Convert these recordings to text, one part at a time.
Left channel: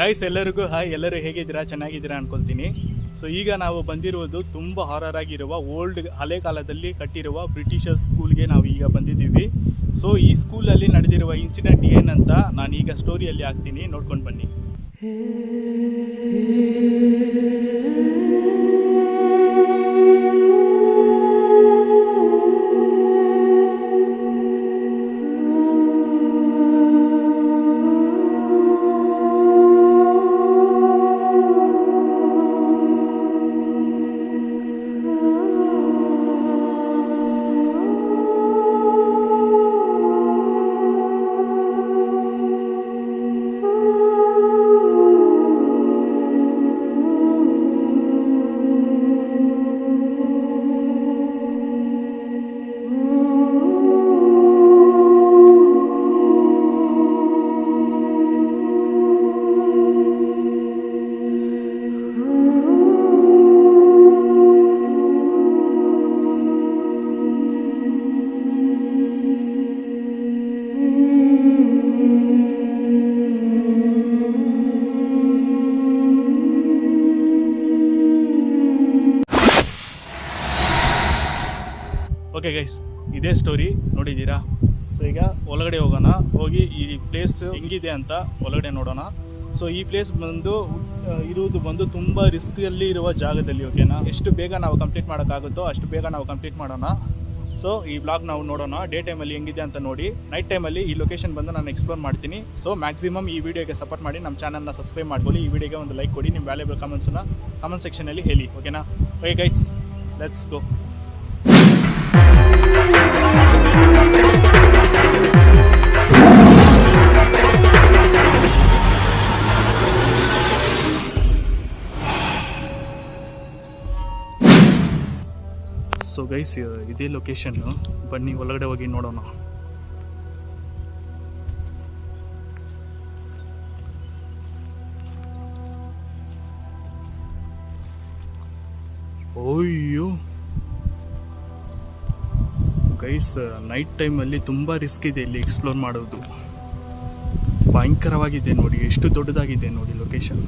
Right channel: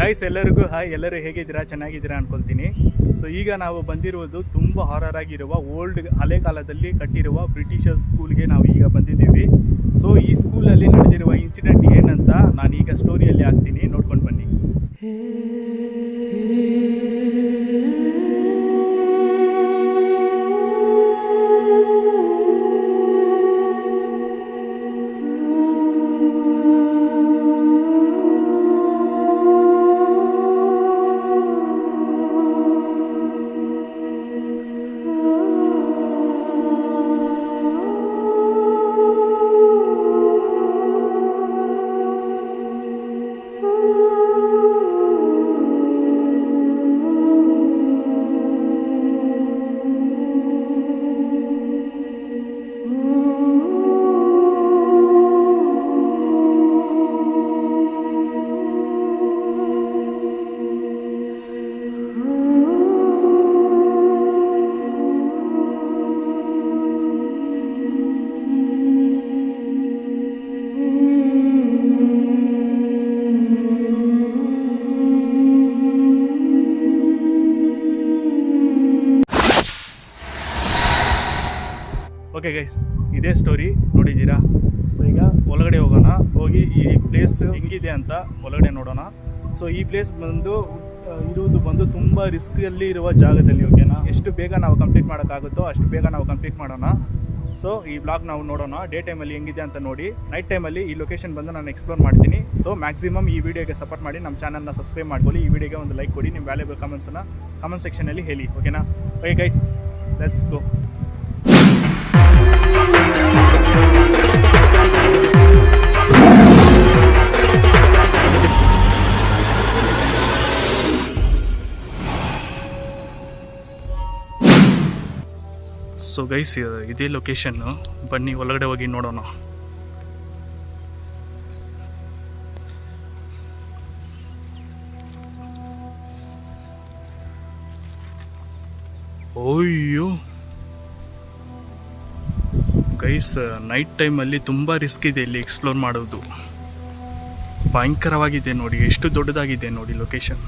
Guys ಎಲ್ಲರಿಗೂ hi. ಎಲ್ಲರೂ ಹೇಗಿದ್ದೀರಾ? ಚೆನ್ನಾಗಿದ್ದೀರಾ ಅನ್ಕೊಳ್ತೀನಿ. ಸೊ ಈಗ ನಾವು ಬಂದಿರುವುದು ತುಂಬ ಹಾರರ್ ಆಗಿರುವ ಹಳೆ ಕಾಲದಲ್ಲಿ ಕಟ್ಟಿರುವ ಬ್ರಿಟಿಷರ್ಸ್ ಸ್ಕೂಲ್ಗೆ ನಾವು ಈಗ ಬಂದಿದ್ದೀವಿ. ಸೊ ಈ ಸ್ಕೂಲಲ್ಲಿ ನಡೆದಿರುವ ಇನ್ಸಿಡೆಂಟ್ ಏನಂತ ನಾನು ಈಗ ಸ್ಟೋರಿಯಲ್ಲಿ ಹಾಕ್ತೀನಿ, ನೋಡ್ಕೊಂಡು ಬನ್ನಿ. ಓಕೆ ಗೈಸ್, ಇದೇ ಸ್ಟೋರಿ ನೋಡಿದ್ದೀರಾ. ಸೊ ಈಗ ಒಳಗಡೆ ಹೋಗೋಣ, ಹೋಗಿ ಈ ಪ್ಲೇಸ್ ಹೆಂಗಿದೆ ಅಂತ ಒಳಗಡೆ ನೋಡೋಣ. ಸೊ ಈ ಪ್ಲೇಸ್ ಇರುವುದು ತುಂಬ ರಿಸ್ಕಲ್ಲಿ ಇರುವ ಜಾಗದಲ್ಲಿ. ಓಕೆನಾ, ಎಷ್ಟು ಬೇಗ ನಾವು ಕಂಪ್ಲೀಟ್ ಮಾಡೋಕ್ಕಾಗುತ್ತೋ ಅಷ್ಟು ಬೇಗ ನಾವು ಕಂಪ್ಲೀಟ್ ಮಾಡೋಣ. ಸೊ ಈ ಬ್ಲಾಗ್ ನಾವು ನೋಡೋಣ, ಡೇ ಟೈಮಲ್ಲಿ ಹೆಂಗಿದೆ ಅಂತ ನೋಡಿ. ನೈಟ್ ಟೈಮಲ್ಲಿ ಈ ಲೊಕೇಶನ್ ಬಂದು ನಾನು ಎಕ್ಸ್ಪ್ಲೋರ್ ಮಾಡ್ತೀನಿ. ಸೊ ಮ್ಯಾಕ್ಸಿಮಮ್ ಈ ವಿಡಿಯೋಗೆ ಸಪೋರ್ಟ್ ಮಾಡಿ, ನಮ್ಮ ಚಾನಲ್ನ ಸಬ್ಸ್ಕ್ರೈಬ್ ಮಾಡ್ಕೊಳ್ಳಿ. ಈ ವಿಡಿಯೋಗೆ ಒಂದು ಲೈಕ್ ಕೊಡಿ, ನಿಮ್ಮ ವ್ಯಾಲ್ಯೂಬಲ್ ಕಮೆಂಟ್ಸನ್ನು ಕಮೆಂಟ್ ಸೆಕ್ಷನಲ್ಲಿ ಹೇಳಿ. ಓಕೆನಾ? Okay guys, let's go. So guys, ಇದೇ ಲೊಕೇಶನ್ನು, ಬನ್ನಿ ಒಳಗಡೆ ಹೋಗಿ ನೋಡೋಣ. ಓಯ್ಯೋ ಗೈಸ್, ನೈಟ್ ಟೈಮಲ್ಲಿ ತುಂಬ ರಿಸ್ಕ್ ಇದೆ ಇಲ್ಲಿ ಎಕ್ಸ್ಪ್ಲೋರ್ ಮಾಡೋದು. ಭಯಂಕರವಾಗಿದೆ ನೋಡಿ, ಎಷ್ಟು ದೊಡ್ಡದಾಗಿದೆ ನೋಡಿ ಲೊಕೇಶನ್.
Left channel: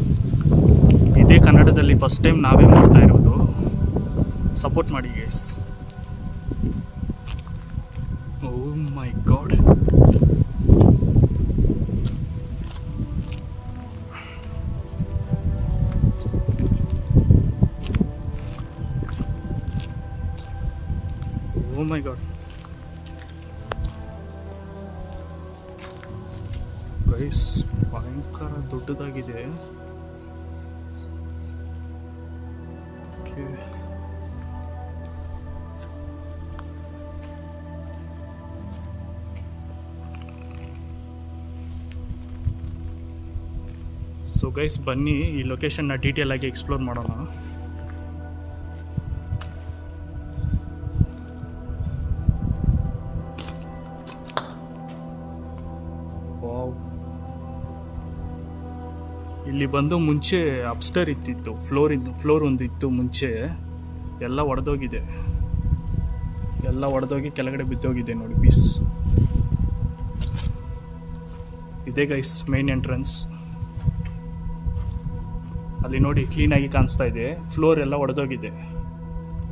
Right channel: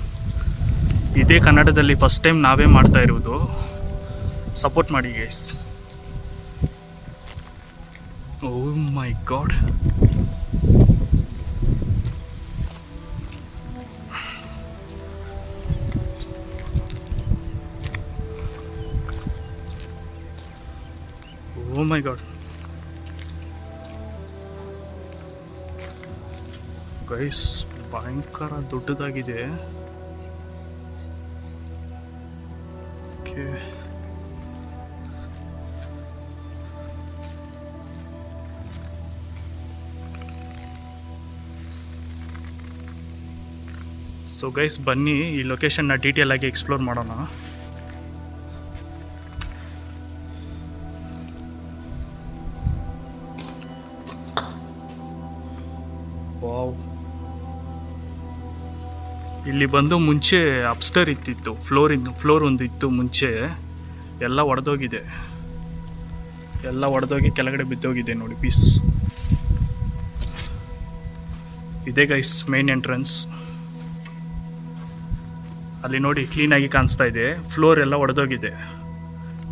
ಇದೇ ಕನ್ನಡದಲ್ಲಿ ಫಸ್ಟ್ ಟೈಮ್ ನಾವೇ ಮಾಡ್ತಾ ಇರೋದು. ಸಪೋರ್ಟ್ ಮಾಡಿ ಗೈಸ್. ಓ ಮೈ ಗಾಡ್, ಓ ಮೈ ಗಾಡ್ ಗೈಸ್, ಭಯಂಕರ ದೊಡ್ಡದಾಗಿದೆ. ಓಕೆ, ಸೊ ಗೈಸ್ ಬನ್ನಿ ಈ ಲೊಕೇಶನ್ನ ಡೀಟೇಲ್ ಆಗಿ ಎಕ್ಸ್ಪ್ಲೋರ್ ಮಾಡೋಣ. ವಾವ್, ಇಲ್ಲಿ ಬಂದು ಮುಂಚೆ ಅಪ್ಸ್ಟರ್ ಇತ್ತಿತ್ತು, ಫ್ಲೋರ್ ಒಂದು ಇತ್ತು ಮುಂಚೆ. ಎಲ್ಲ ಒಡೆದೋಗಿದೆ, ಎಲ್ಲ ಒಡೆದೋಗಿ ಕೆಳಗಡೆ ಬಿದ್ದೋಗಿದೆ ನೋಡಿ ಪೀಸ್. ಇದೇ ಗೈಸ್ ಮೇನ್ ಎಂಟ್ರೆನ್ಸ್. ಅಲ್ಲಿ ನೋಡಿ ಕ್ಲೀನಾಗಿ ಕಾಣಿಸ್ತಾ ಇದೆ. ಫ್ಲೋರ್ ಎಲ್ಲ ಒಡೆದೋಗಿದೆ.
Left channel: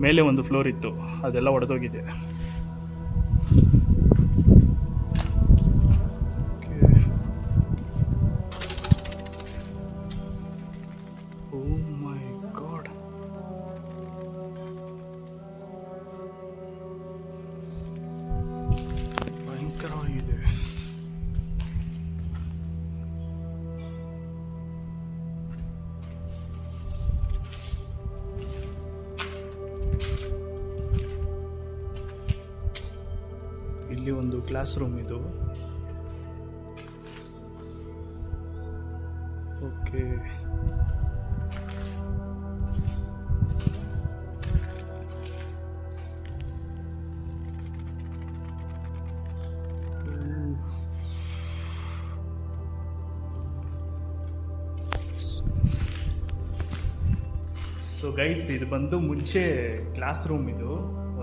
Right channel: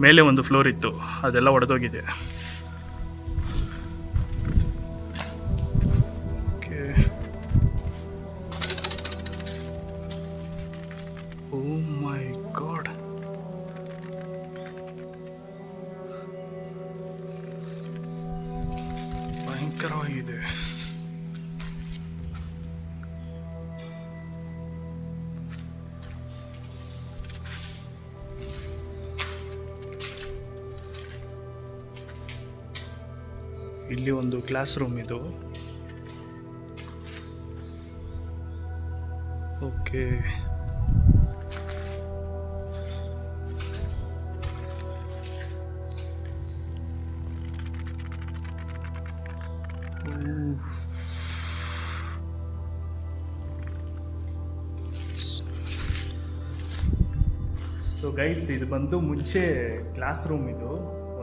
ಮೇಲೆ ಒಂದು ಫ್ಲೋರ್ ಇತ್ತು, ಅದೆಲ್ಲ ಒಡೆದೋಗಿದೆ. ಓಕೆ, ಓ ಮೈ ಗಾಡ್, ಭಯಂಕರವಾಗಿದೆ. ಇಲ್ಲಿ ಒಂದು ಕ್ಲಾಸ್ ರೂಮ್ ಇದು. ಓಕೆ, ಸೊ ಗೈಸ್, ಇದು ಬಂದು ಮುಂಚೆ ಕ್ಲಾಸ್ ರೂಮ್. ಇದು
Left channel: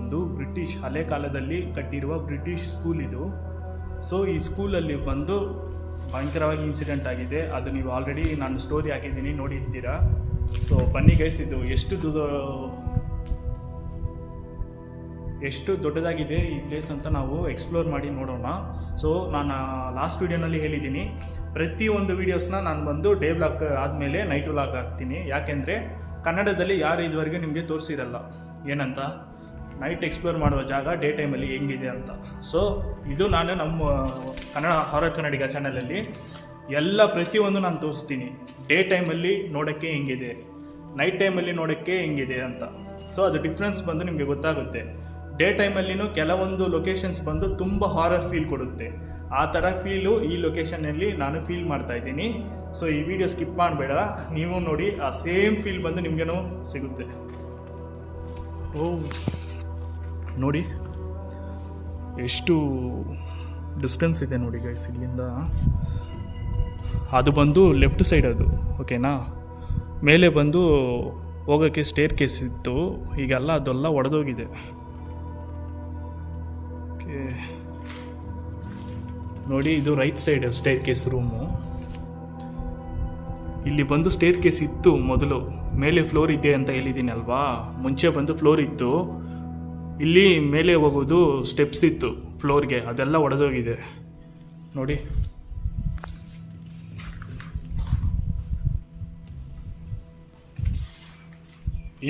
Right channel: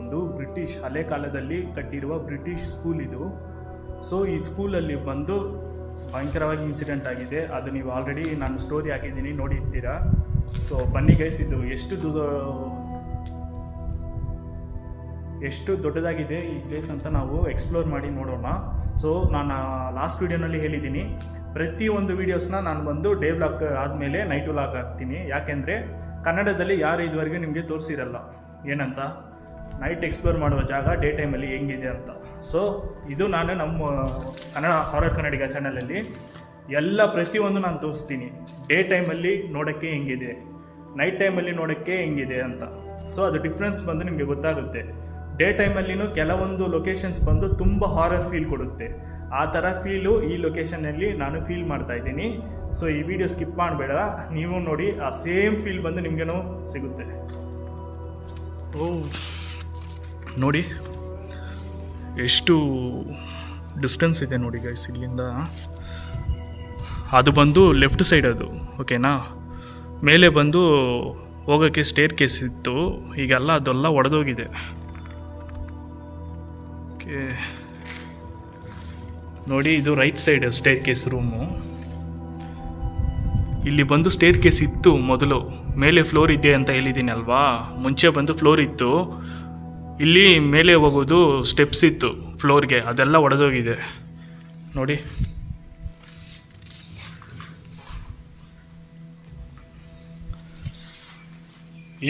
ಒಂದು ಬ್ರಿಟಿಷ್ ಹಳೆ ಕಾಲದಲ್ಲಿ ಕಟ್ಟಿರುವ ಬ್ರಿಟಿಷ್ ಸ್ಕೂಲ್ ಇದು. ಸೊ ಈ ಸ್ಕೂಲಲ್ಲಿ ಬಂದು ಭಯಂಕರವಾಗಿ ಇನ್ಸಿಡೆಂಟ್ ಆಗಿದೆ. ಅದು ನೀವು ಆಲ್ರೆಡಿ ನಾನು ಸ್ಟೋರಿ ಹಾಕಿದ್ದೀನಿ, ನೋಡಿರ್ತೀರಾ. ಸೊ ಬನ್ನಿ ಗೈಸ್, ಇದು ಎಷ್ಟು ದೊಡ್ಡದಾಗಿದೆ ಈ ಪ್ಲೇಸ್ ಅಂತ ನಾವು ಎಕ್ಸ್ಪ್ಲೋರ್ ಮಾಡಿ ನೋಡೋಣ. ಸೊ ನಾನು ಲಾಸ್ಟ್ ವೀಡಿಯೋನಲ್ಲಿ ಹೇಳಿದ್ದೀನಿ, ಪ್ರತಿಯೊಂದು ವೀಡಿಯೋಸ್ನ ನಾನು ಬಂದು ಡೇ ವ್ಲಾಗ್ ಆದಮೇಲೆ ನೈಟ್ ವ್ಲಾಗ್ ಹಾಕ್ತೀನಿ. ಯಾಕೆಂದರೆ ಕನ್ನಡದಲ್ಲಿ ಯಾರು ಇದುವರೆಗೂ ನಿಮಗೆ ತೋರಿಸಿರಲ್ಲ ಏನಂತ ನೈಟ್ ಎಕ್ಸ್ಪ್ಲೋರ್ ಮಾಡುವ ಜಾಗ ಡೇ ಟೈಮಲ್ಲಿ ಹೆಂಗಿದೆ ಅಂತ. ಸೊ ಇದು ನಾನು ನಮ್ಮ ಕನ್ನಡ ಹಾರರ್ ಕನ್ನಡಿಗ ಚಾನಲಲ್ಲಿ ಎಲ್ಲ ಪ್ರತಿಯೊಂದು ನಾನು ತೋರಿಸ್ತೀನಿ. ಡೇ ಟೈಮಲ್ಲಿ ನೋಡೋಕ್ಕೆ ಹೆಂಗಿದೆ, ನೈಟ್ ಟೈಮಲ್ಲಿ ನೋಡೋಕ್ಕೆ ಹೆಂಗಿದೆ ಅಂತ. ಸೊ ಅದು ಡಿಫ್ರೆನ್ಸ್ ಬಂದು ನಿಮಗೆ ಗೊತ್ತಾಗುತ್ತೆ. ಡೇ ಟೈಮಲ್ಲಿನೂ ಕೆಲವೊಂದು ಲೊಕೇಶನ್ಸ್ ಬಂದು ತುಂಬ ಹಾರರ್ ಫೀಲ್ ಕೊಡುತ್ತೆ. ಆ ಥರ ಫೀಲು ಈ ಲೊಕೇಶನಲ್ಲಿ ನಾನು ಫೀಲ್ ಮಾಡ್ತಾಯಿದ್ದೀನಿ. ಸೊ ಈ ವಿಡಿಯೋ ಸ್ಕಿಪ್ ಮಾಡಬೇಡ, ನೀವು ನೋಡಿ, ಆ ಸೇಮ್ ಫೀಲ್ ಬಂದು ನಿಮಗೇನೋ ಸಿಗುತ್ತೆ. ಓ ನೋಡಿ ಎಷ್ಟು ಡಿಸ್ಟೆನ್ಸ್ ಇದೆ ನೋಡಿ ಗೈಸ್ ಇಲ್ಲಿಂದ. ಅದು ಬಂದು ಲೆಫ್ಟ್ ಸೈಡ್ ಅದು, ಓಕೆನಾ. ಮೇಲೆ ಬಂದು ಹೋಗೋಕ್ಕೆ ಸ್ಟೇರ್ ಕೇಸ್ ಇತ್ತು, ಈಗೆಲ್ಲ ಅದೆಲ್ಲ ಒಡೆದೋಗಿದೆ. ಓಕೆ ನೋಡಿ, ಇದು right side stair case room. ಇಲ್ಲಿ ಬಂದು ಸ್ಟೇರ್ ಕೇಸ್ ಇತ್ತು ಮೊದಲು, ಮೇಲೆ ಫ್ಲೋರ್ ಇದೆ ಅಂತ ಹೇಳಿದ್ದೀನಿ ಅಲ್ವಾ. ಮುಂಚೆ ಬಂದು ಫ್ಲೋರ್ ಇತ್ತು, ಇಲ್ಲಿ ಮೇಲೆ ಹೋಗೋದು ಸ್ಟೆಪ್ಸ್ ಇತ್ತು ಫ್ಲೋರ್ಗೆ, ಅದೆಲ್ಲ ಒಡೆದೋಗಿದೆ ನೋಡಿ.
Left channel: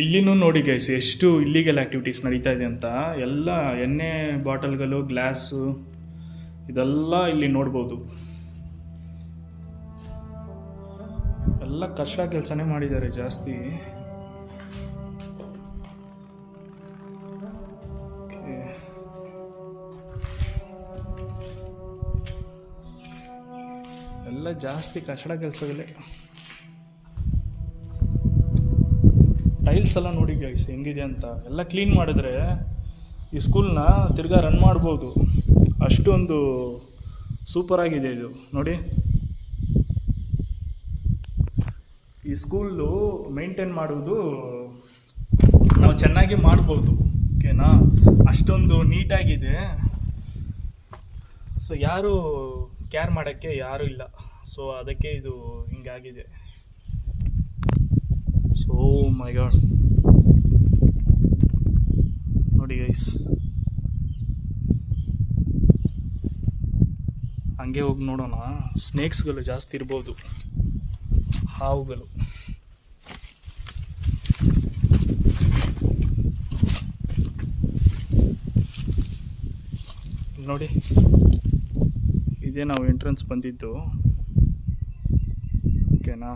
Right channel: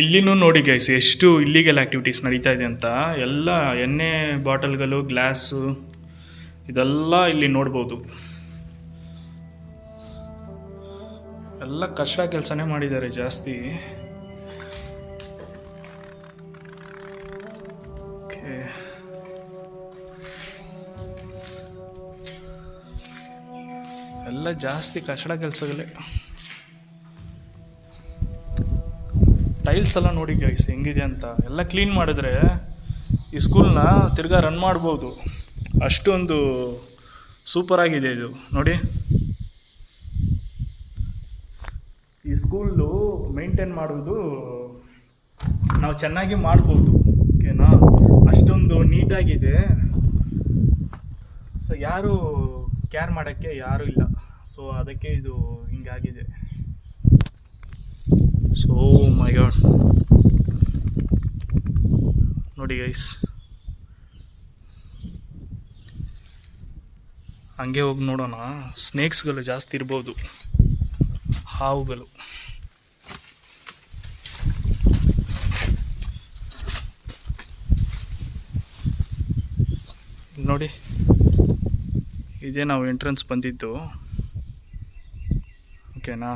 ಇಲ್ಲಿನೂ ನೋಡಿ ಗೈಸ್ ಎಷ್ಟು ಇಲ್ಲಿಗಲ್ ಆ್ಯಕ್ಟಿವಿಟೀಸ್ ನಡೀತಾ ಇದೆ ಅಂತ. ಎಲ್ಲ ಎಣ್ಣೆ ಬಾಟಲ್ಗಳು, ಗ್ಲಾಸು, ಇದೆಲ್ಲ ಇಲ್ಲಿ ನೋಡ್ಬೋದು. ಎಲ್ಲ ಕಚಡ ಕೆಲಸನೇ ಮಾಡಿದ್ದಾರೆ ಜಾಸ್ತಿ. ಓಕೆ ಎಲ್ಲ ಜಾಸ್ತಿ ಕಚಡ ಕೆಲಸಗಳೇ. ಟೈಲ್ಸ್ ಎಲ್ಲ ನೋಡಿ ಗೈಸ್ ಹೆಂಗಿದೆ ಅಂತ. ಎಲ್ಲ ಕ್ಲೀನ್ ಮಾಡಿದ್ರೆ ಈ ಸ್ಕೂಲ್ನ ತಿರ್ಗಾ ರನ್ ಮಾಡ್ಬೋದು, ಅಷ್ಟೊಂದು ಸೂಪರಾಗಿದೆ ಇದು ನೋಡಿ. ಈ ಸ್ಕೂಲು ಮೇಂಟೈನ್ ಮಾಡುವುದು ನಾವು ಚೆನ್ನಾಗಿ ಮಾಡ್ಬೋದು, ಓಕೆನಾ. ಅಷ್ಟೊಂದು ನೀಟಾಗಿದೆ. ಸೊ ಯಾರು ಕೇರ್ ಮಾಡೋಕ್ಕೆ ಯಾರೂ ಇಲ್ಲ, ಸೊ ಅದಕ್ಕೆ ಇದು ಹಿಂಗಾಗಿದೆ. ಸೊ ಮೈ ಗಾಡ್ ನೋಡಿ ಗೈಸ್, ಹಂಗೆ ಹೋಗಿ ನೋಡೋಣ. ಸ್ನೇಕ್ಸ್ಗಳು ಜಾಸ್ತಿ ಇರ್ಬೋದು, ಹಾವುಗಳು. ನೋಡಿ, ಇದೇ ನಾವು ಎಂಟ್ರೆನ್ಸ್ ಬಂದಿದ್ದು, ಓಕೆನಾ.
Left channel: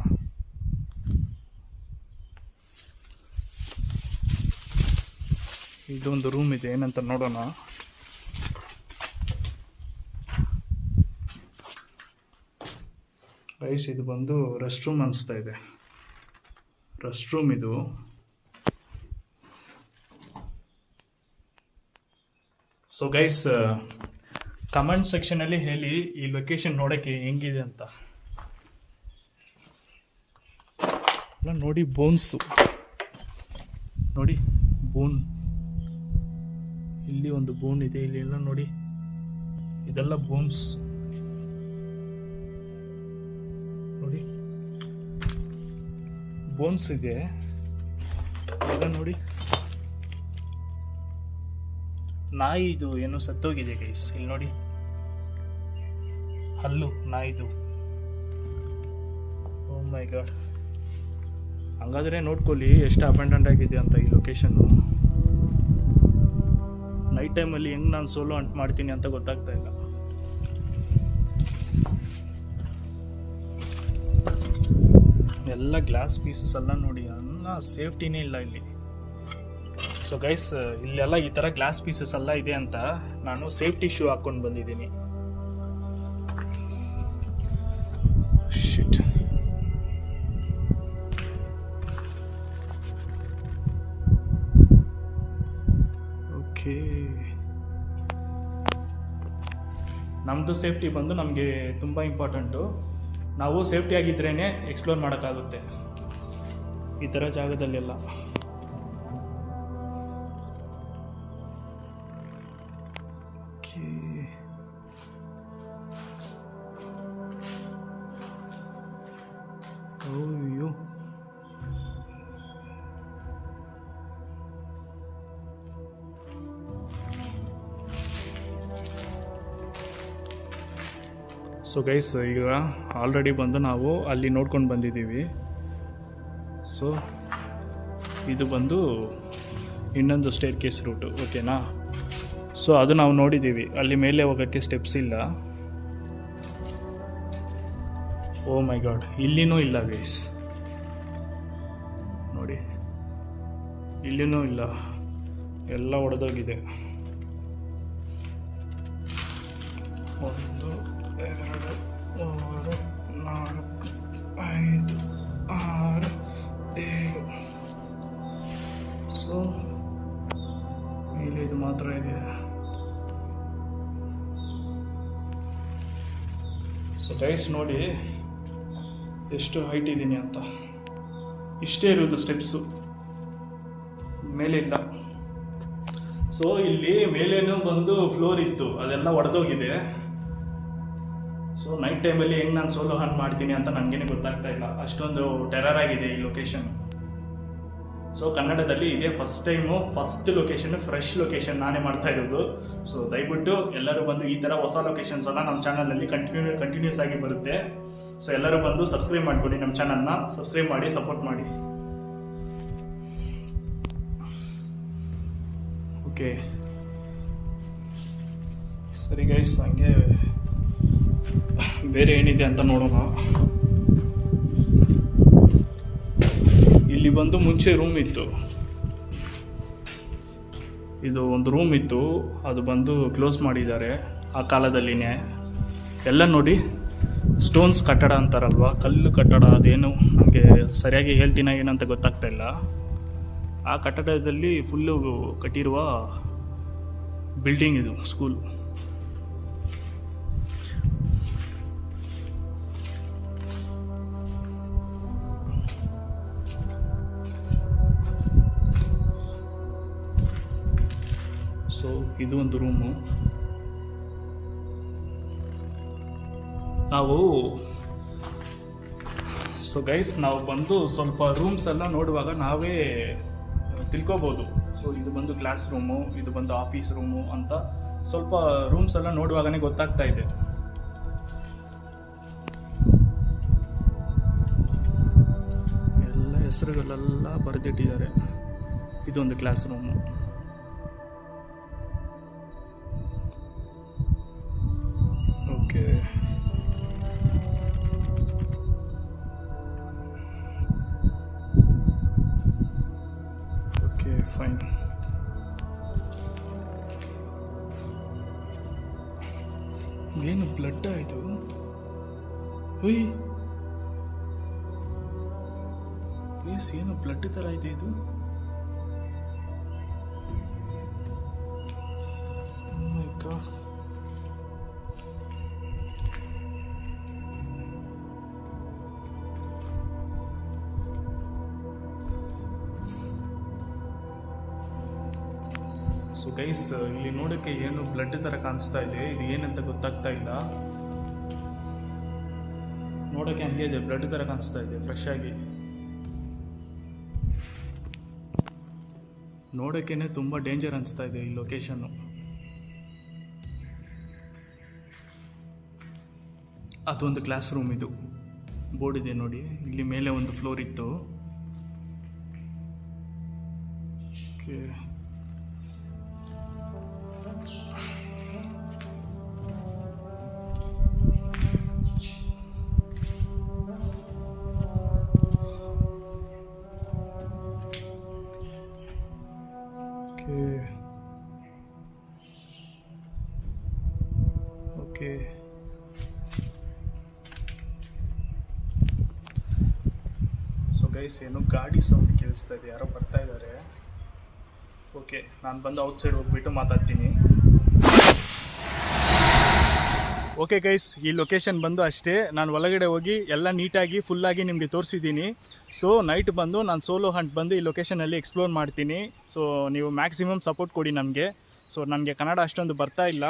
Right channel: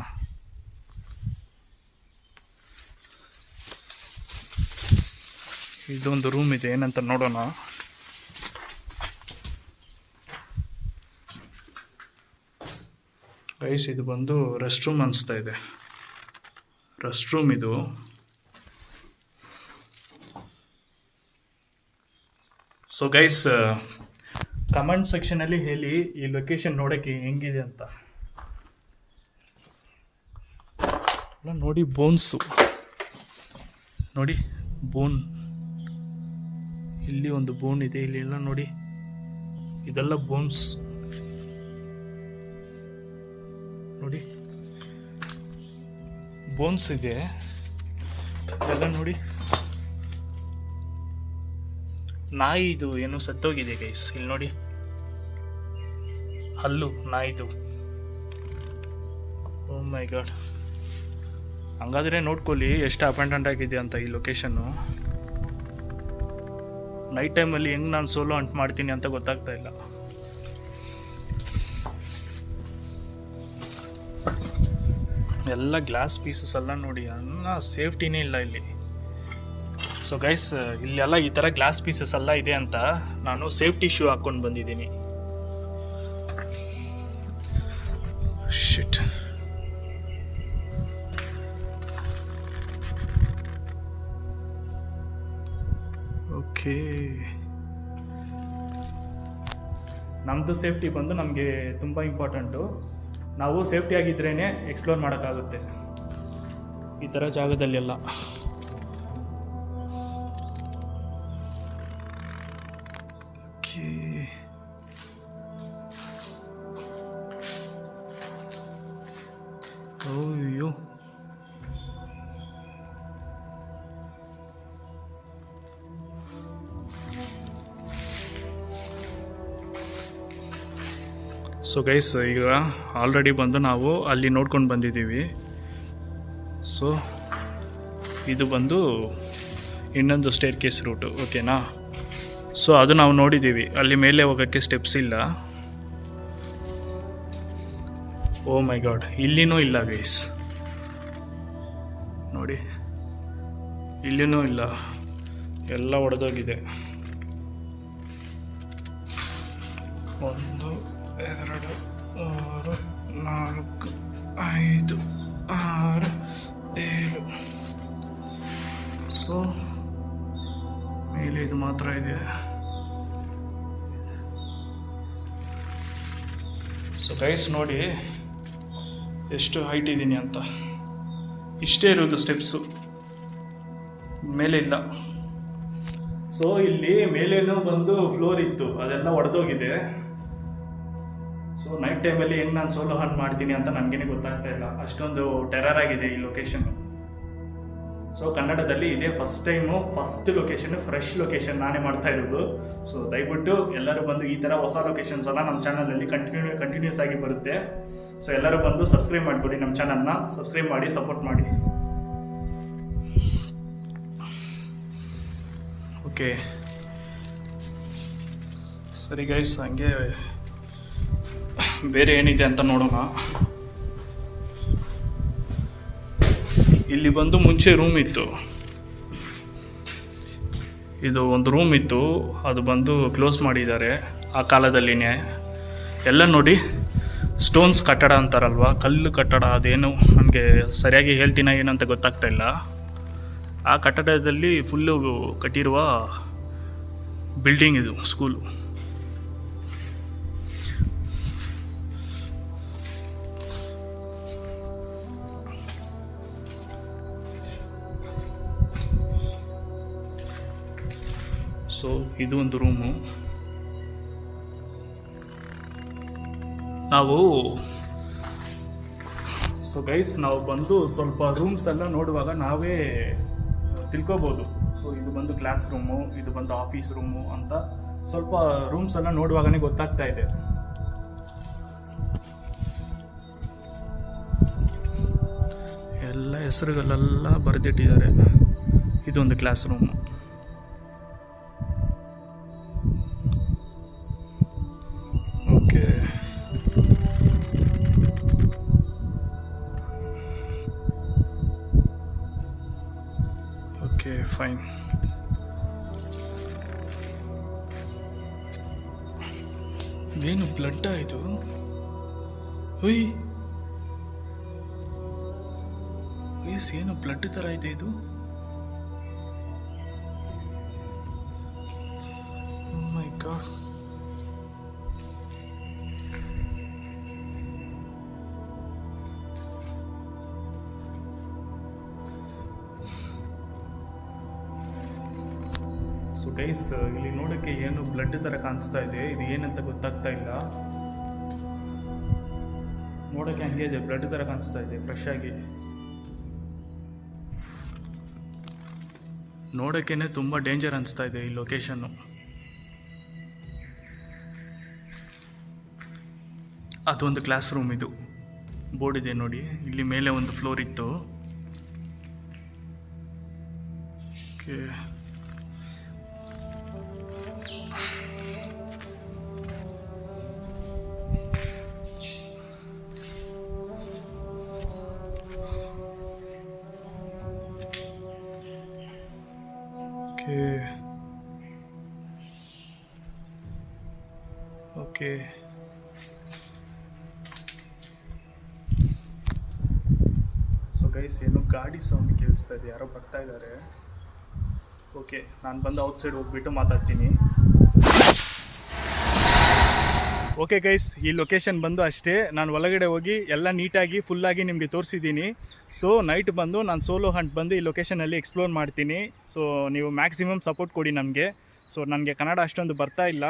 ಇದೊಂದು ರೂಮ್ ಇದೆ, ಏನಂತ ನೋಡೋಣ. ಗೈಸ್ ಇದು ಬಂದು ರೆಸ್ಟ್ ರೂಮ್ ಅನಿಸ್ತಾ ಇದೆ, ರೆಸ್ಟ್ ರೂಮ್ ಇದು. ಸೊ ಗೈಸ್ ಕಮೆಂಟ್ ಸೆಕ್ಷನಲ್ಲಿ ಹೇಳಿ ಈ ಲೊಕೇಶನ್ ನೋಡೋಕ್ಕೆ ಹೆಂಗಿದೆ ಅಂತ. ನೋಡಿ ಬೋನ್ಸು ನೋಡಿ, ಬೋನ್, ಇಲ್ಲಿ ಒಂದು ಬೋನ್ ಇದೆ, ಇಲ್ಲಿ ಎಲ್ಲ ನೋಡಿ, ಇದೆಲ್ಲ ಬೋನ್ಸ್ ನೋಡಿ, ಬೋನ್ಸ್ ಇದೆ ಎಲ್ಲ ನೋಡಿ. ನಾಯಿ ಇದು ಏನೋ ಸತ್ತೋಗಿದೆ ಗೈಸ್, ಇಲ್ಲಿ ನೋಡಿ, ಹಲ್ಲು ನಾಯಿದು. ಓ ಮೈ ಗಾಡ್. ಹಂಗಾದ್ರೆ ನೋಡ್ಕೊಳ್ಳಿ ಎಷ್ಟು ಅಪಾಯಿಂಟೆಂಟ್ ಆಗಿದೆ ಅಂತ ಈ ಲೊಕೇಶನ್ನು. ನೈಟ್ ಟೈಮಲ್ಲಿ ಹೆಂಗೆ ನಾನು ಸೋಲೋ ಅಂಟ್ ಮಾಡ್ತೀನಿ ಅಂತ ಗೊತ್ತಾಗ್ತಾ ಇಲ್ಲ. ಎಲ್ಲ ಗ್ಲಾಸ್ ಪೀಸಸ್ ಎಲ್ಲ ನೋಡಿ, ಅನ್ನ ಸೇಫ್ಟಿನೇ ಇಲ್ಲ ಇಲ್ಲಿ. ಸೊ ಗೈಸ್ ಇಲ್ಲೆಲ್ಲ ಈ ಥರ ಗ್ಲಾಸ್ ಪೀಸಸ್ ಎಲ್ಲ ಇದೆ ಅಂತ ನಾನು ಸೇಫ್ಟಿ ಶೂ ಹಾಕ್ಕೊಂಡು ಬಂದಿದ್ದೀನಿ. ಶಿಟ್. ಓಕೆ, ನಮ್ಮದು ಸೇಫ್ಟಿ ಬಂದು ನಮಗೆ ತುಂಬ ಇಂಪಾರ್ಟೆಂಟು. ನಾವು ಸೇಫ್ಟಿ ಆಗಿದ್ರೇ ಎಕ್ಸ್ಪ್ಲೋರ್ ಮಾಡೋಕ್ಕಾಗುತ್ತೆ ಈ ಥರ ಜಾಗದಲ್ಲೆಲ್ಲ. ಓಕೆ ಸೊ ಗೈಸ್, ಈಗ ಆಲ್ರೆಡಿ ಬಂದು ನಾವು ಅಲ್ಲಿ ನೋಡ್ಕೊಂಡು ಬಂದಿದ್ದೀವಿ. ಸೊ ಇದು ಬಂದು ಇನ್ನೊಂದು ಸ್ಟೇರ್ ಕೇಸ್ ರೂಟು, ಓಕೆನಾ. ಸೊ ಅದು ನಾವು ನೋಡಿದ್ದೀವಿ, ಅಲ್ಲಿ ಮೇಲೆ ಹೋಗೋಕ್ಕೆ ಸ್ಟೆಪ್ಸ್ ಇಲ್ಲ. ಓ ಮೈ ಗಾಡ್, ಇಲ್ಲಿನೂ ಇಲ್ಲ ಗೈಸ್, ನೋಡಿ ಇಲ್ಲಿನೂ ಇಲ್ಲ, ಎಲ್ಲ ಒಡೆದೋಗಿದೆ. 1 2 3 4 5 6 7. ಸೊ ಮೇಲೆ ಇದು ಮಾತ್ರ ಇದೆ. ಸೊ ಗೈಸ್ ನೋಡಿ ಎಷ್ಟು ಹೈಟ್ ಇದ್ದೀನಿ ಅಂತ. ಇಷ್ಟೇ ಇರೋದು ಸ್ಟೆಪ್ಸು, ಮೇಲೆ ಇಲ್ಲ. ಸೊ ಇಲ್ಲಿ ಮೇಲೇನೂ ಬಂದು ಫ್ಲೋರ್ ಇತ್ತು, ಅದೆಲ್ಲ ಒಡೆದೋಗಿದೆ. ಸೊ ನೈಟ್ ಟೈಮಲ್ಲಿ ಹೆಂಗೆ ನಾನು ಸೋಲೋ ಹಂಟ್ ಮಾಡ್ತೀನಿ ಅಂತ ನನಗೇನೆ ಗೊತ್ತಾಗ್ತಾ ಇಲ್ಲ, ಅಷ್ಟೊಂದು ಟೆರರ್ ಆಗಿದೆ ಈ ಲೊಕೇಶನ್. ಸೊ ಕನ್ನಡದಲ್ಲಿ ಇದೇ ಫಸ್ಟ್ ಲೊಕೇಶನ್, ಫ್ರೆಶ್ ಲೊಕೇಶನ್ ನಾನೇ ಮಾಡ್ತಾ ಇರೋದು. ಸೊ ದಯವಿಟ್ಟು ಎಲ್ಲರೂ ಬಂದು ಈ ಥರ ಹೊಸ ಲೊಕೇಶನ್ಸ್ ಎಲ್ಲ ನಮ್ಮ ಚಾನಲಲ್ಲಿ ಕಂಟಿನ್ಯೂಸ್ ಆಗಿ ಬರುತ್ತೆ. ಸೊ ಎಲ್ಲರೂ ಬಂದು ಸಬ್ಸ್ಕ್ರೈಬ್ ಮಾಡ್ಕೊಳ್ಳಿ, ನಮ್ಮ ಚಾನಲ್ನ ಸಬ್ಸ್ಕ್ರೈಬ್ ಮಾಡಿ, ಸಪೋರ್ಟ್ ಮಾಡಿ. ಓಕೆ ಸರಿ ಗೈಸ್, ಹಂಗೆ ಬೇರೆ ಏನಿದೆ ಅಂತ ನೋಡೋಣ. ಇಲ್ಲಿ ಬಂದು ಮುಂಚೆ ರೂಮ್ ಇತ್ತು, ಇದು ಒಂದು ರೂಮ್ ಇತ್ತು, ಅದು ಬಂದು ಕ್ಲೋಸ್ ಮಾಡಿದ್ದಾರೆ ಆ ಕಾಲದಲ್ಲಿನೇ. ಎಲ್ಲ ನೋಡಿ ಸ್ಟೋನ್ಸ್ ಕಟ್ಟಡ ಅಂತಾರಲ್ವ, ಕಲ್ಲು ಕಟ್ಟಡ, ಅದೇನು ನನಗೆ ಸರಿಯಾಗಿ ಹೇಳ್ತೀನ ಏನಂತ ಗೊತ್ತಾಗ್ತಾ ಇಲ್ಲ. ಆ ಕಟ್ಟಡದಲ್ಲಿ ಫುಲ್ಲು ಕಟ್ಟಿರುವ ಬಿಲ್ಡಿಂಗ್ ಇದು, ಸ್ಕೂಲು. ಸೊ ಇದು ಒಂದು ರೂಮು. ಸೊ ಗೈಸ್, ನಾವು ಬಂದು ಸ್ವಲ್ಪ ರೂಮ್ಸ್ ಎಲ್ಲ ನೋಡುವಾಗ ನಾವೇ ತಿಳ್ಕೊಬೋದು. ಸೊ ಇದು ಬಂದು ಕ್ಲಾಸ್ ರೂಮು, ಇದು ಬಂದು ಆಫೀಸ್ ರೂಮು ಅಂತ ಸ್ವಲ್ಪ ರೂಮ್ಸ್ ಎಲ್ಲ ನೋಡುವಾಗನೇ ಗೊತ್ತಾಗ್ತಾ ಇದೆ. ಎಲ್ಲ ಹೆಸರುಗಳೆಲ್ಲ ಬರೆದಿಟ್ಟಿದ್ದಾರೆ. ಇದೊಂದು class room. Okay, okay fine. ಏನು ಬ್ಲಡ್ ಇದು? ಹುಯ್ ಏನು ಬ್ಲಡ್ ಥರ ಇದೆ ಇದು? ಮೈ ಗಾಡ್. ಸೊ ಗೈಸ್, ಇಲ್ಲಿ ನೋಡೋಕ್ಕೆ ಏನು ಬ್ಲಡ್ ಥರ ಕಾಣಿಸ್ತಾ ಇದೆ, ಇದು ಏನಂತ ಗೊತ್ತಾಗ್ತಾ ಇಲ್ಲ. ನೋಡೋಕ್ಕೆ ಹಂಗೆ ಇದೆ, ಬ್ಲಡ್ ಥರ ಕಾಣಿಸ್ತಾ ಇದೆ, ಫ್ರೆಶ್ ಆಗಿ. ನೋಡೋಕ್ಕೇ ತುಂಬ ಡೇಂಜರ್ ಅನಿಸ್ತಾ ಇದೆ ಈ ಲೊಕೇಶನ್ನು. ಅದೊಂದು ಕ್ಲಾಸ್ ರೂಮ್, ಇದು ಬೋರ್ಡ್ ಇದೆ ನೋಡಿ, ಇಲ್ಲಿ ಮೇಲೆ ಒಂದು ಫ್ಲೋರ್ ಇತ್ತು. Okay, okay. ಸೊ ಗೈಸ್, ಏನು ಗಾಡಿ ಸೌಂಡ್ ಕೇಳಿಸ್ತಾ ಇದೆ, ಯಾರೋ ಬರ್ತಾ ಇದ್ದಾರೆ. ಓಕೆ, ನಾನು ಬಂದು ಔಟ್ಸೈಡ್ ಹೋಗ್ಬಿಟ್ಟು ಮಾತಾಡ್ತೀನಿ. ಓಕೆ ಗೈಸ್, ಈ ಲೊಕೇಶನ್ ಬಂದು ಅಷ್ಟೇ. ನಾನು ಒಳಗಡೆ ಹೋಗಿ ಎಲ್ಲ ನೀಟಾಗಿ ಫುಲ್ಲಾಗಿ ನಿಮಗೆ ತೋರಿಸಿದ್ದೀನಿ. ಸೊ ನೈಟ್ ಬಂದು ನಾನು ಸೋಲೋ ಹಂಟ್ ಬಂದು ಈ ಲೊಕೇಶನಲ್ಲಿ ಎಕ್ಸ್ಪ್ಲೋರ್ ಮಾಡ್ತೀನಿ. ಸೊ ನೀವು ಮ್ಯಾಕ್ಸಿಮಮ್ ಸಪೋರ್ಟ್ ಕೊಡಿ ನಮಗೆ. ಸೊ ನನಗೆ ಕನ್ನಡ ಅಷ್ಟೊಂದು ಬರ್ತಾ ಇಲ್ಲ,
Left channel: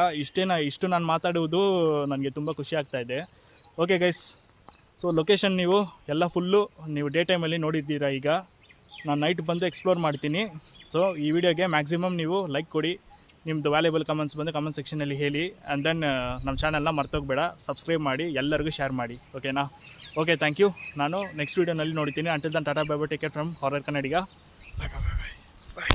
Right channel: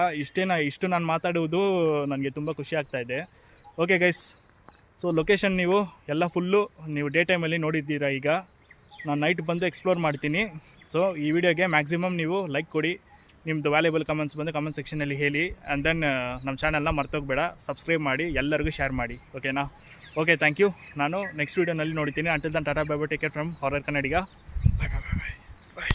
ಇಷ್ಟು ನಾನು ಮಾತಾಡುವುದು ನನಗೆ ತುಂಬ ಖುಷಿ ಆಗ್ತಾಯಿದೆ. ಓಕೆ ಗೈಸ್, ಸೊ ಲೊಕೇಶನ್ ನೀವು ಎಲ್ಲ ಫುಲ್ಲು ನೀವು ಡೇ ಟೈಮಲ್ಲಿ ನೋಡಿದ್ದೀರಾ. ಈಗ ನಾನು ನೈಟ್ ಬಂದು ಎಕ್ಸ್ಪ್ಲೋರ್ ಮಾಡ್ತೀನಿ. ಸೊ ಈ ವಿಡಿಯೋಗೆ ಮ್ಯಾಕ್ಸಿಮಮ್ ನೀವು ಲೈಕ್ ಕೊಡಿ, ನಿಮ್ಮದು ವ್ಯಾಲ್ಯೂಬಲ್ ಕಮೆಂಟ್ಸ್ ಬಂದು ಕಮೆಂಟ್ ಸೆಕ್ಷನಲ್ಲಿ ಹೇಳಿ. ಆ್ಯಂಡ್ ದೆನ್ ನಮ್ಮ ಚಾನಲ್ನ ಮರ್ತೋಗ್ಬೇಡ, ಸಬ್ಸ್ಕ್ರೈಬ್ ಮಾಡಿ, ಎಲ್ಲರಿಗೂ ಶೇರ್ ಮಾಡಿ. ಓಕೆನಾ? Okay, thank you. ನಾನು ನೆಕ್ಸ್ಟ್ ವೀಡಿಯೋನಲ್ಲಿ ನೋಡ್ತೀನಿ. Until then ta-ta bye bye, take care from horror Kannadiga. Bye bye bye bye bye.